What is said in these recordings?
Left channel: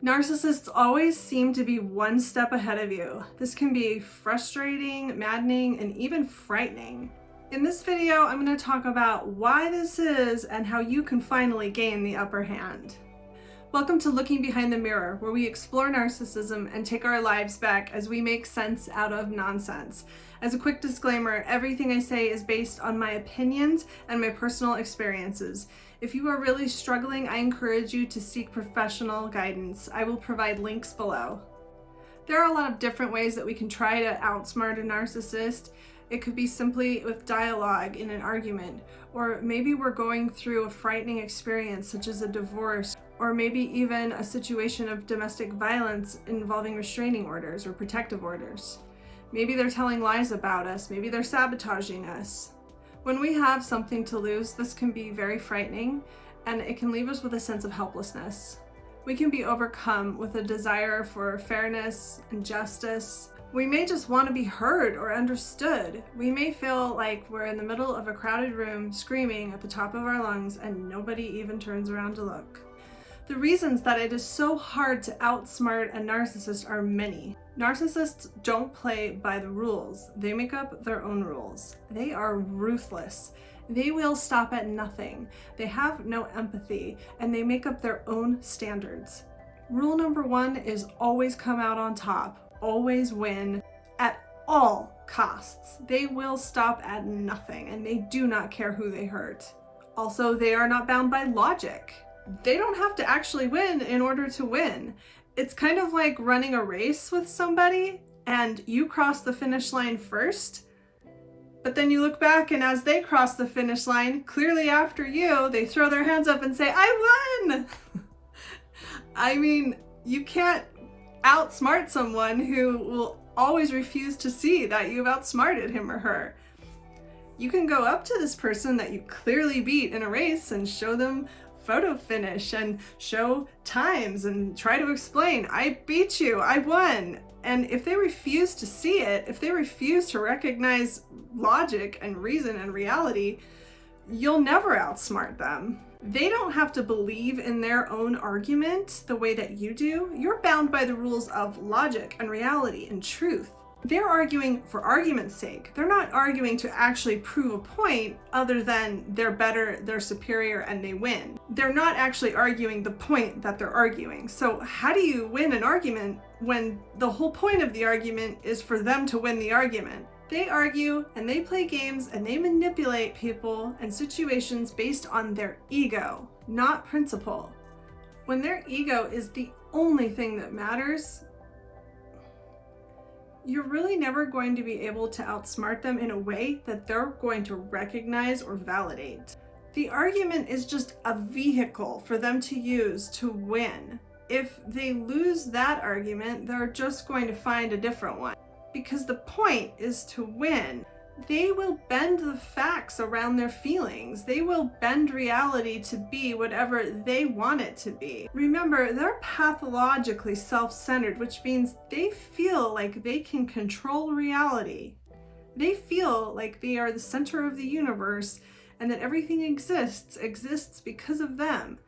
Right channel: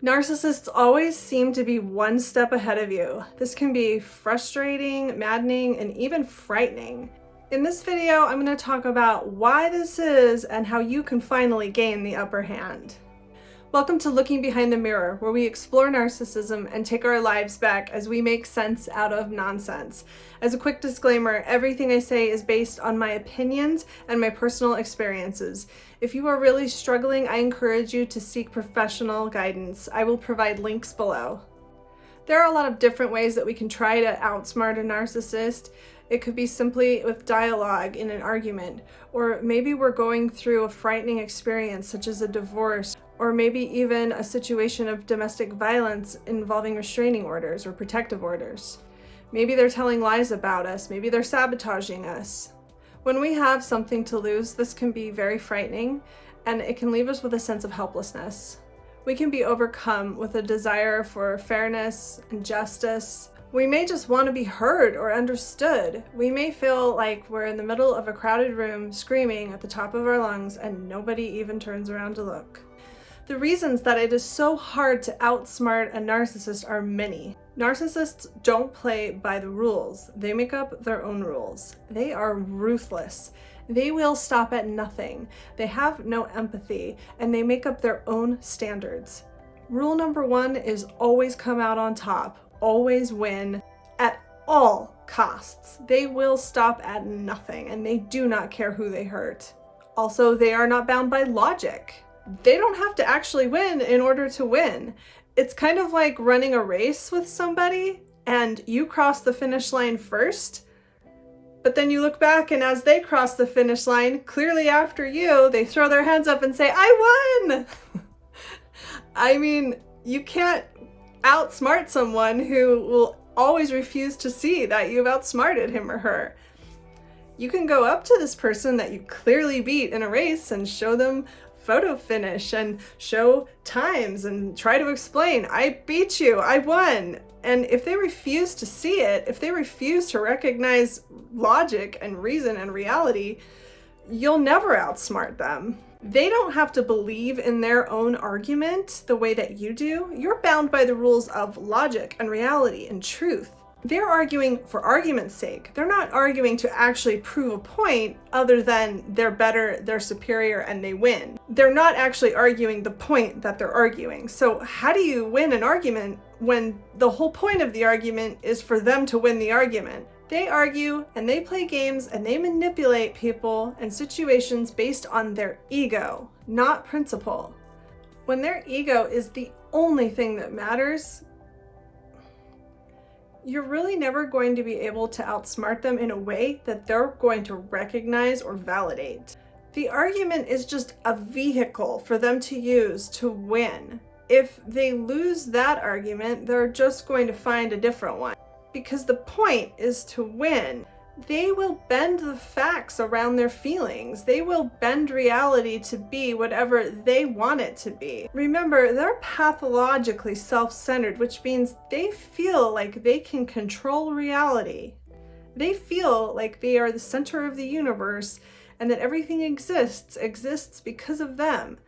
Narcissists always seem to be one step ahead of you. This can be frustrating, maddening, and even frightening. In this video, I'm going to talk about why this is and how you can finally gain the upper hand. Welcome to Looking Behind the Mirror, where we explore narcissism and take our lives back as we make sense out of nonsense. As a quick disclaimer, everything I say is based on my opinions and my personal experiences. If you are really struggling, I encourage you to seek professional guidance. I will provide links below. There are a lot of different ways that we can try to outsmart a narcissist. It could be simply with dialogue in an argument, or maybe we're going through a frightening experience such as a divorce, or maybe even a situation of domestic violence involving restraining orders or protective orders. Maybe they're telling lies about us, maybe they're sabotaging us. When we have something to lose, this can be very frightening, and it can leave us with a sense of helplessness. We can be overcome with a desire for fairness and justice. We may just want to be heard or understood. We may feel like we're in the middle of a crowded room screaming at the top of our lungs and nobody even turns around to look. The reasons that it is so hard to outsmart a narcissist are many. Narcissists don't play by the rules. They make up their own rules. They are ruthless. They will stop at nothing. They have no empathy, and they make up their own standards. Rule number one is always come out on top, always win at all costs. They will stop at nothing, and they do not care who they hurt. Also, they are not bound by logic. They don't have to actually win in order to win. It's kind of like running a race with somebody and you cross the finish line first, but then you look back and as they cross the finish line, clearly after you, they throw their hands up and say, "I won!" I mean, you can't outsmart someone who will always refuse to see that you've outsmarted him or her. You can go up to this person that you clearly beat in a race and show them photo finish and show times and try to explain, "I beat you, I won." And if they refuse to see it, if they refuse to recognize logic and reason and reality, you'll never outsmart them. They don't have to believe in their own argument the way that you do. You're bound by the rules of logic and reality and truth. They're arguing for argument's sake. They're not arguing to actually prove a point other than they're better, they're superior, and they win. They're not actually arguing the point that they're arguing. So how do you win an argument when the whole point of the argument is for them to win the argument? They argue and they play games and they manipulate people and situations based on their ego, not principle. When their ego is the only thing that matters, you're really never going to be able to outsmart them in a way that they're going to recognize or validate. The argument is just a vehicle for them to use to win. If they lose that argument, they're just going to find a different one. Because the point is to win. They will bend the facts around their feelings. They will bend reality to be whatever they want it to be. Remember, they're pathologically self-centered, which means they feel like they can control reality. They feel like they are the center of the universe and that everything exists because of them.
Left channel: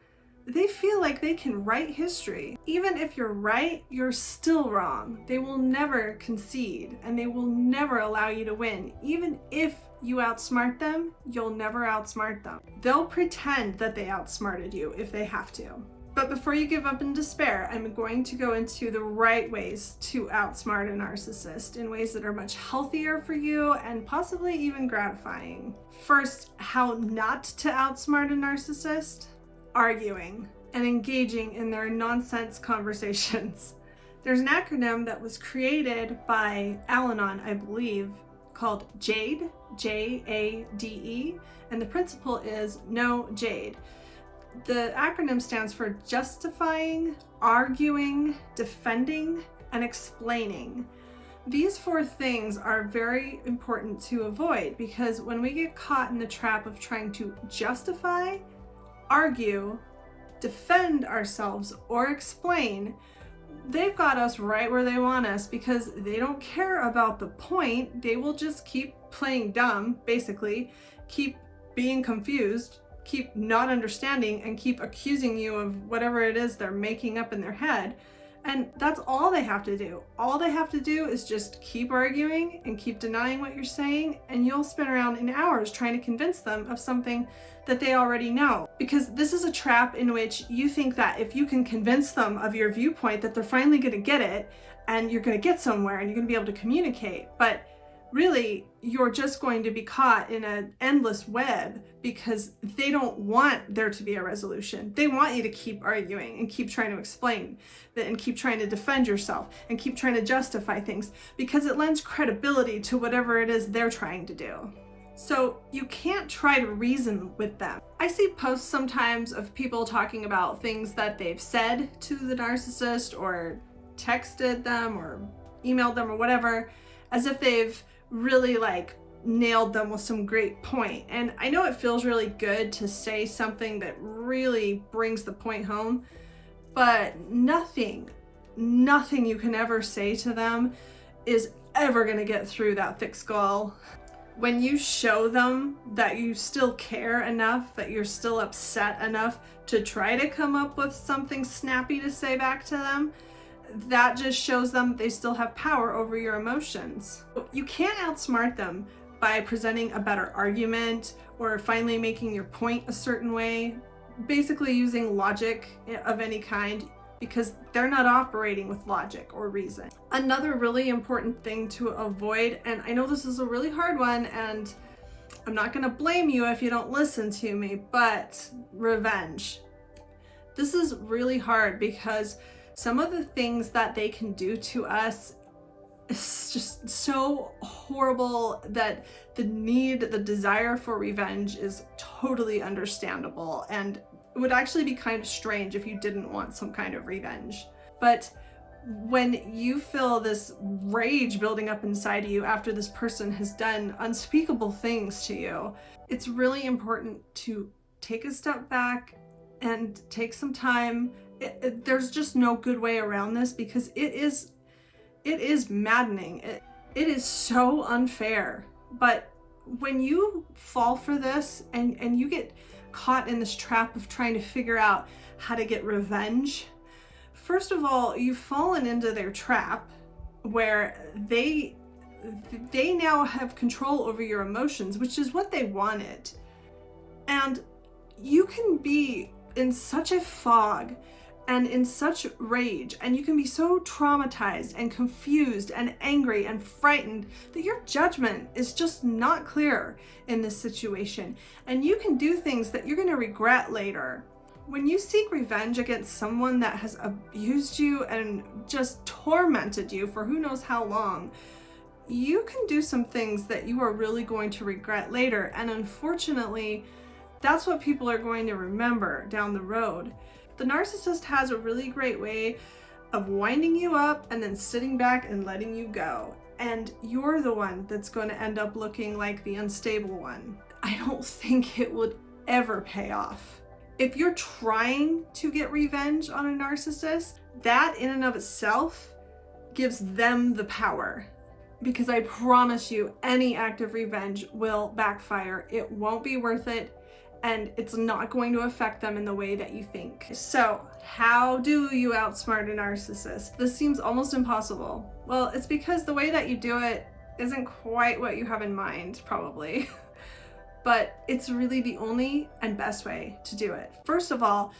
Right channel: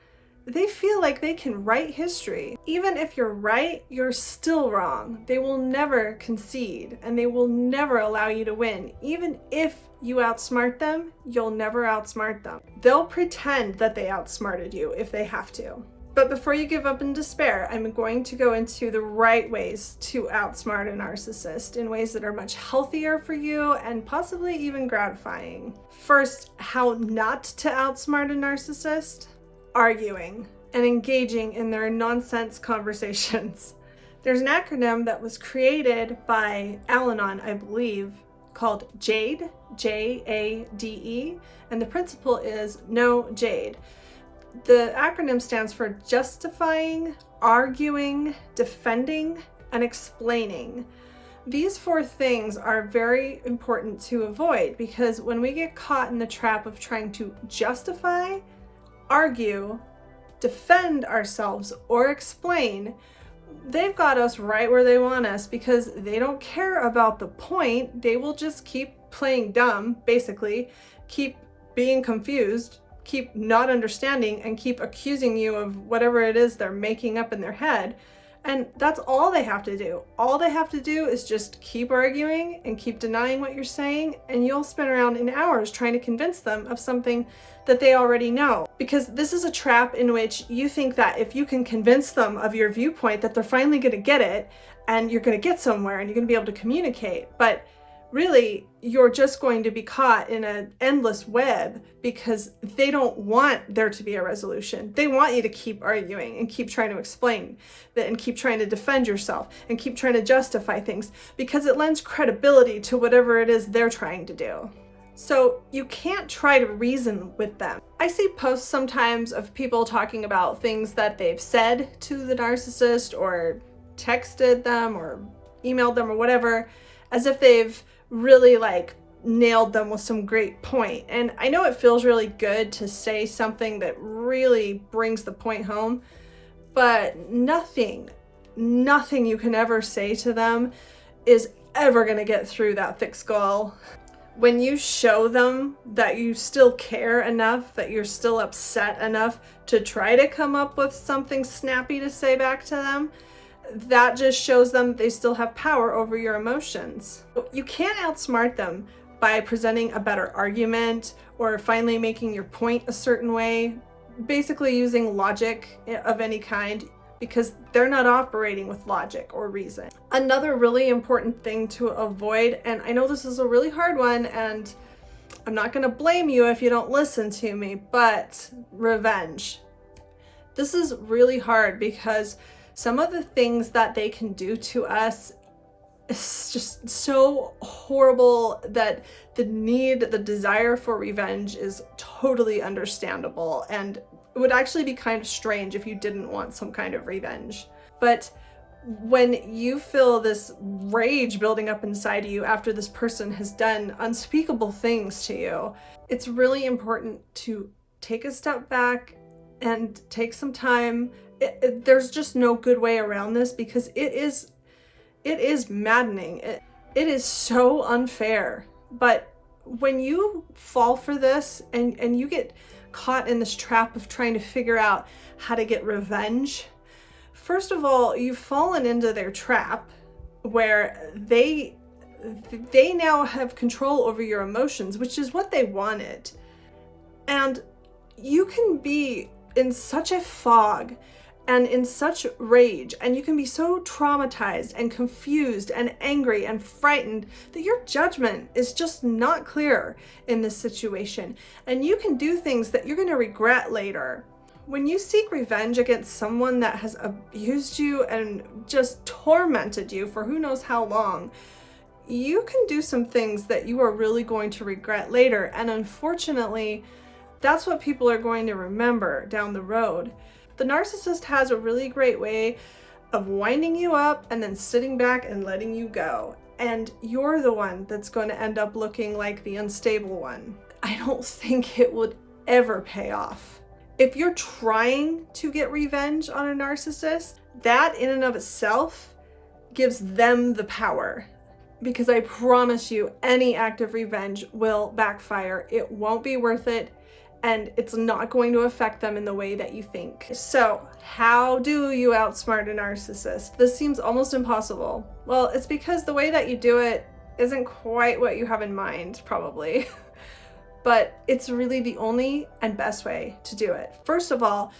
They feel like they can write history. Even if you're right, you're still wrong. They will never concede and they will never allow you to win. Even if you outsmart them, you'll never outsmart them. They'll pretend that they outsmarted you if they have to. But before you give up in despair, I'm going to go into the right ways to outsmart a narcissist in ways that are much healthier for you and possibly even gratifying. First, how not to outsmart a narcissist. Arguing and engaging in their nonsense conversations. There's an acronym that was created by Al-Anon, I believe, called JADE, J-A-D-E, and the principle is no Jade. The acronym stands for justifying, arguing, defending, and explaining. These four things are very important to avoid because when we get caught in the trap of trying to justify, argue, defend ourselves, or explain, they've got us right where they want us because they don't care about the point. They will just keep playing dumb, basically, keep being confused, keep not understanding and keep accusing you of whatever it is they're making up in their head. And that's all they have to do. All they have to do is just keep arguing and keep denying what you're saying, and you'll spin around in hours trying to convince them of something that they already know. Because this is a trap in which you think that if you can convince them of your viewpoint, that they're finally going to get it and you're going to get somewhere and you're going to be able to communicate. But really, you're just going to be caught in an endless web because they don't want there to be a resolution. They want you to keep arguing and keep trying to explain that and keep trying to defend yourself and keep trying to justify things because it lends credibility to whatever it is they're trying to do. So you can't try to reason with them. I see posts sometimes of people talking about things that they've said to the narcissist or texted them or emailed them or whatever, as if they've really like nailed them with some great point. And I know it feels really good to say something that really brings the point home, but nothing you can ever say to them is ever going to get through that thick skull. When you show them that you still care enough, that you're still upset enough to try to come up with something snappy to say back to them, that just shows them they still have power over your emotions. You can't outsmart them by presenting a better argument or finally making your point a certain way, basically using logic of any kind, because they're not operating with logic or reason. Another really important thing to avoid, and I know this is a really hard one, and I'm not going to blame you if you don't listen to me, but revenge. This is really hard because some of the things that they can do to us is just so horrible that the desire for revenge is totally understandable, and it would actually be kind of strange if you didn't want some kind of revenge. But when you feel this rage building up inside of you after this person has done unspeakable things to you, it's really important to take a step back and take some time. There's just no good way around this because it is maddening. It is so unfair. But when you fall for this and you get caught in this trap of trying to figure out how to get revenge, first of all, you've fallen into their trap where they now have control over your emotions, which is what they wanted. And you can be in such a fog and in such rage, and you can be so traumatized and confused and angry and frightened that your judgment is just not clear in this situation, and you can do things that you're going to regret later. When you seek revenge against someone that has abused you and just tormented you for who knows how long, you can do some things that you are really going to regret later, and unfortunately, that's what people are going to remember down the road. The narcissist has a really great way of winding you up and then sitting back and letting you go. And you're the one that's going to end up looking like the unstable one. I don't think it would ever pay off. If you're trying to get revenge on a narcissist, that in and of itself gives them the power. Because I promise you, any act of revenge will backfire. It won't be worth it. And it's not going to affect them in the way that you think. So how do you outsmart a narcissist? This seems almost impossible. Well, it's because the way that you do it isn't quite what you have in mind, probably. But it's really the only and best way to do it. First of all,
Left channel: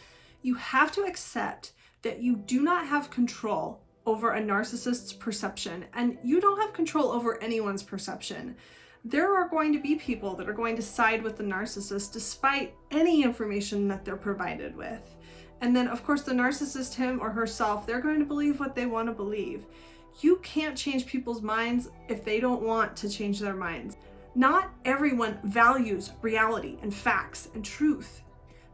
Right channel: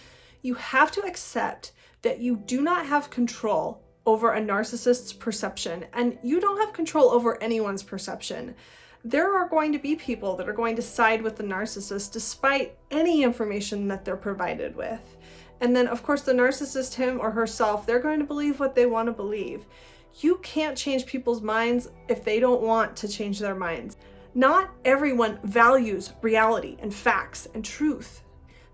you have to accept that you do not have control over a narcissist's perception, and you don't have control over anyone's perception. There are going to be people that are going to side with the narcissist despite any information that they're provided with. And then, of course, the narcissist, him or herself, they're going to believe what they want to believe. You can't change people's minds if they don't want to change their minds. Not everyone values reality and facts and truth.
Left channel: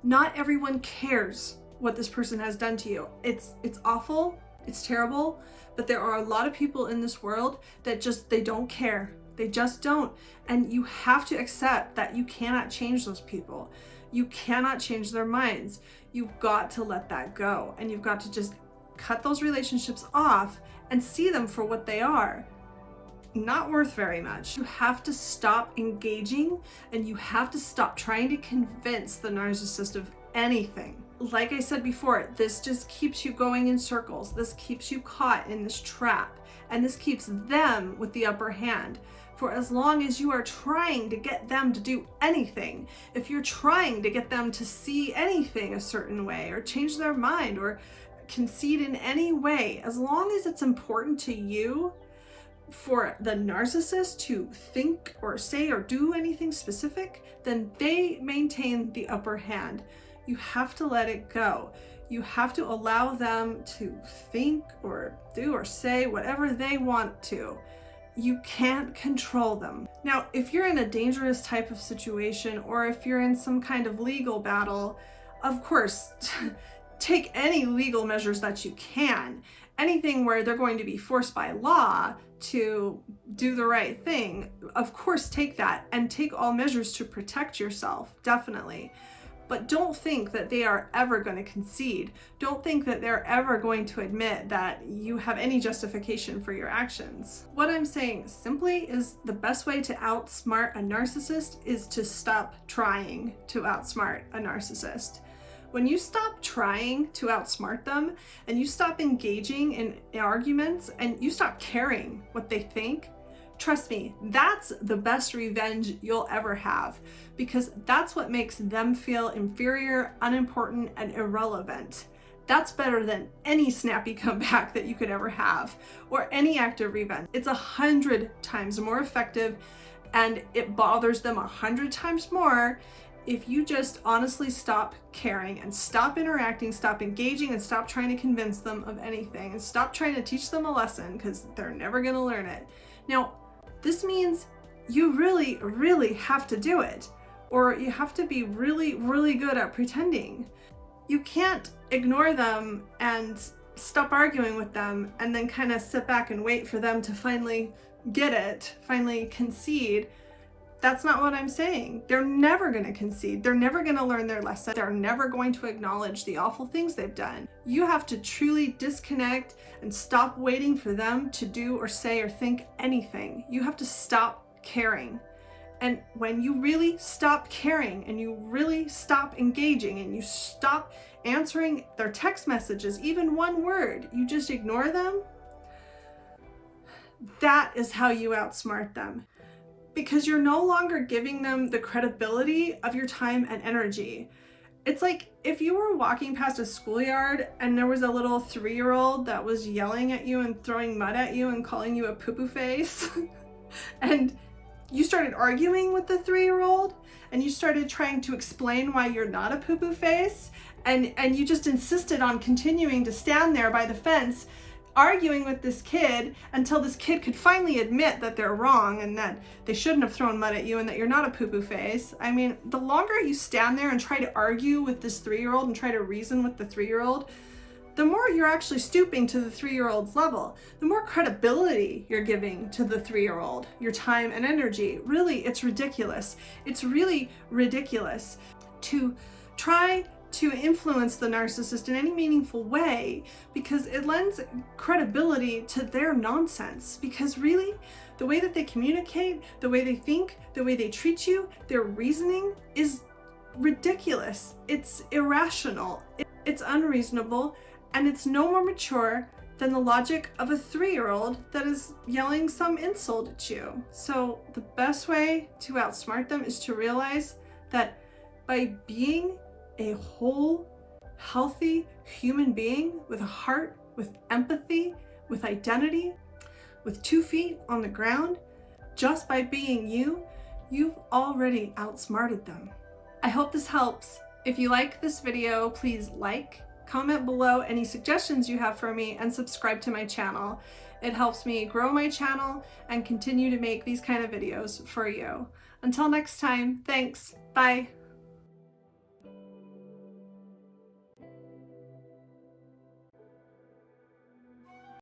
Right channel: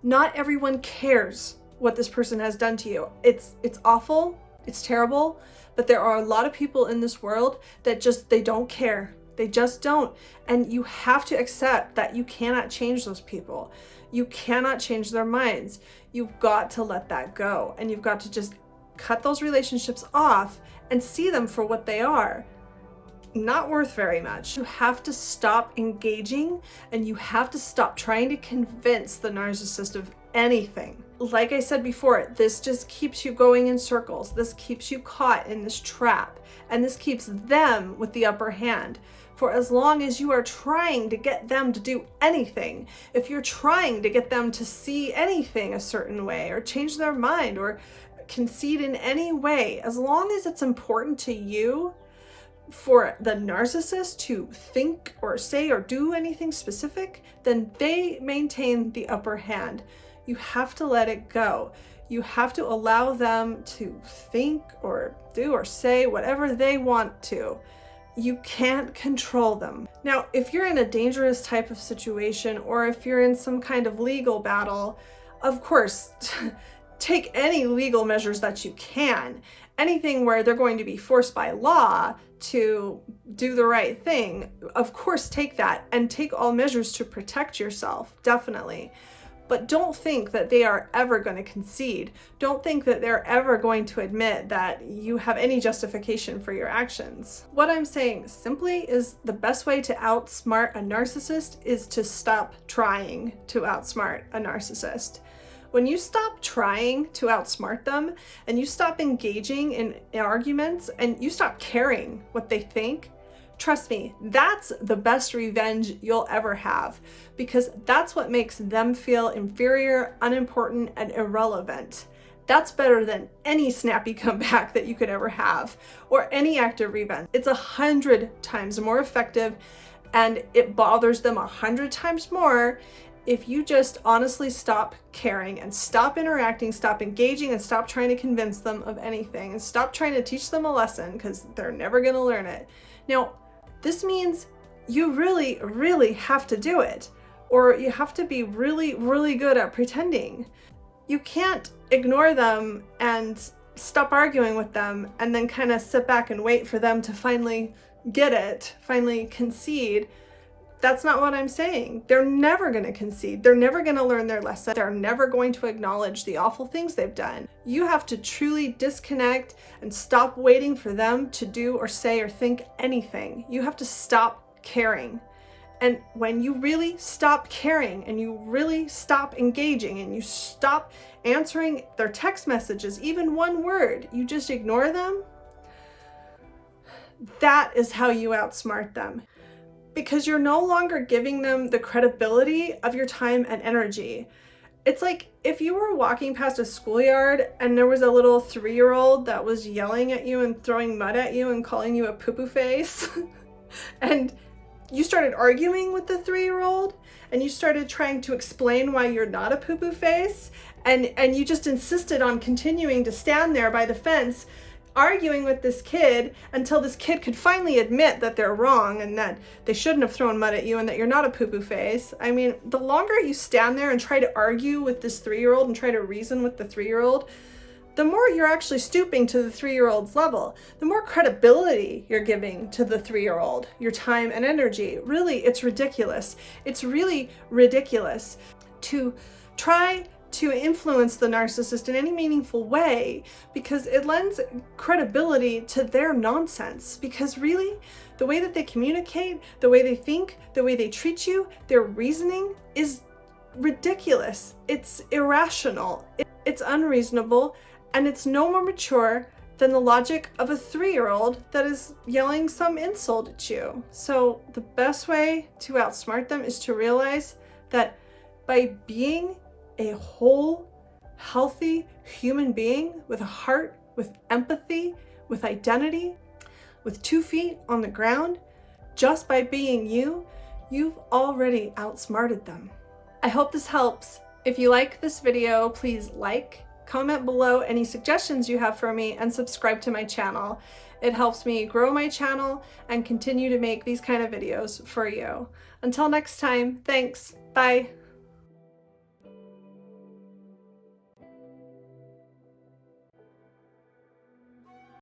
Not everyone cares what this person has done to you. It's awful, it's terrible, but there are a lot of people in this world that they don't care. They just don't. And you have to accept that you cannot change those people. You cannot change their minds. You've got to let that go. And you've got to just cut those relationships off and see them for what they are. not worth very much. You have to stop engaging, and you have to stop trying to convince the narcissist of anything. Like I said before, this just keeps you going in circles. This keeps you caught in this trap, and this keeps them with the upper hand. For as long as you are trying to get them to do anything, if you're trying to get them to see anything a certain way, or change their mind, or concede in any way, as long as it's important to you for the narcissist to think or say or do anything specific, then they maintain the upper hand. You have to let it go. You have to allow them to think or do or say whatever they want to. You can't control them. Now, if you're in a dangerous type of situation, or if you're in some kind of legal battle, of course, take any legal measures that you can. Anything where they're going to be forced by law to do the right thing, of course, take that, and take all measures to protect yourself, definitely. But don't think that they are ever going to concede. Don't think that they're ever going to admit that you have any justification for your actions. What I'm saying simply is the best way to outsmart a narcissist is to stop trying to outsmart a narcissist. When you stop trying to outsmart them, and you stop engaging in arguments, and you stop caring what they think, trust me, that's the best revenge you'll ever have, because that's what makes them feel inferior, unimportant, and irrelevant. That's better than any snappy comeback that you could ever have, or any act of revenge. It's 100 times more effective, and it bothers them 100 times more if you just honestly stop caring, and stop interacting, stop engaging, and stop trying to convince them of anything, and stop trying to teach them a lesson, because they're never going to learn it. Now, this means you really, really have to do it, or you have to be really, really good at pretending. You can't ignore them and stop arguing with them and then kind of sit back and wait for them to finally get it, finally concede. That's not what I'm saying. They're never going to concede. They're never going to learn their lesson. They're never going to acknowledge the awful things they've done. You have to truly disconnect and stop waiting for them to do or say or think anything. You have to stop caring. And when you really stop caring, and you really stop engaging, and you stop answering their text messages, even one word, you just ignore them, that is how you outsmart them. Because you're no longer giving them the credibility of your time and energy. It's like if you were walking past a schoolyard and there was a little 3-year-old that was yelling at you and throwing mud at you and calling you a poo-poo face, and you started arguing with the 3-year-old, and you started trying to explain why you're not a poo-poo face, and you just insisted on continuing to stand there by the fence arguing with this kid until this kid could finally admit that they're wrong and that they shouldn't have thrown mud at you and that you're not a poo-poo face. I mean, the longer you stand there and try to argue with this 3-year-old and try to reason with the 3-year-old, the more you're actually stooping to the 3-year-old's level, the more credibility you're giving to the 3-year-old, your time and energy. Really, it's ridiculous. It's really ridiculous to try to influence the narcissist in any meaningful way, because it lends credibility to their nonsense. Because really, the way that they communicate, the way they think, the way they treat you, their reasoning is ridiculous. It's irrational. It's unreasonable, and it's no more mature than the logic of a 3-year-old that is yelling some insult at you. So the best way to outsmart them is to realize that by being a whole, healthy human being with a heart, with empathy, with identity, with 2 feet on the ground, just by being you, you've already outsmarted them. I hope this helps. If you like this video, please like, comment below any suggestions you have for me, and subscribe to my channel. It helps me grow my channel and continue to make these kind of videos for you. Until next time, thanks. Bye.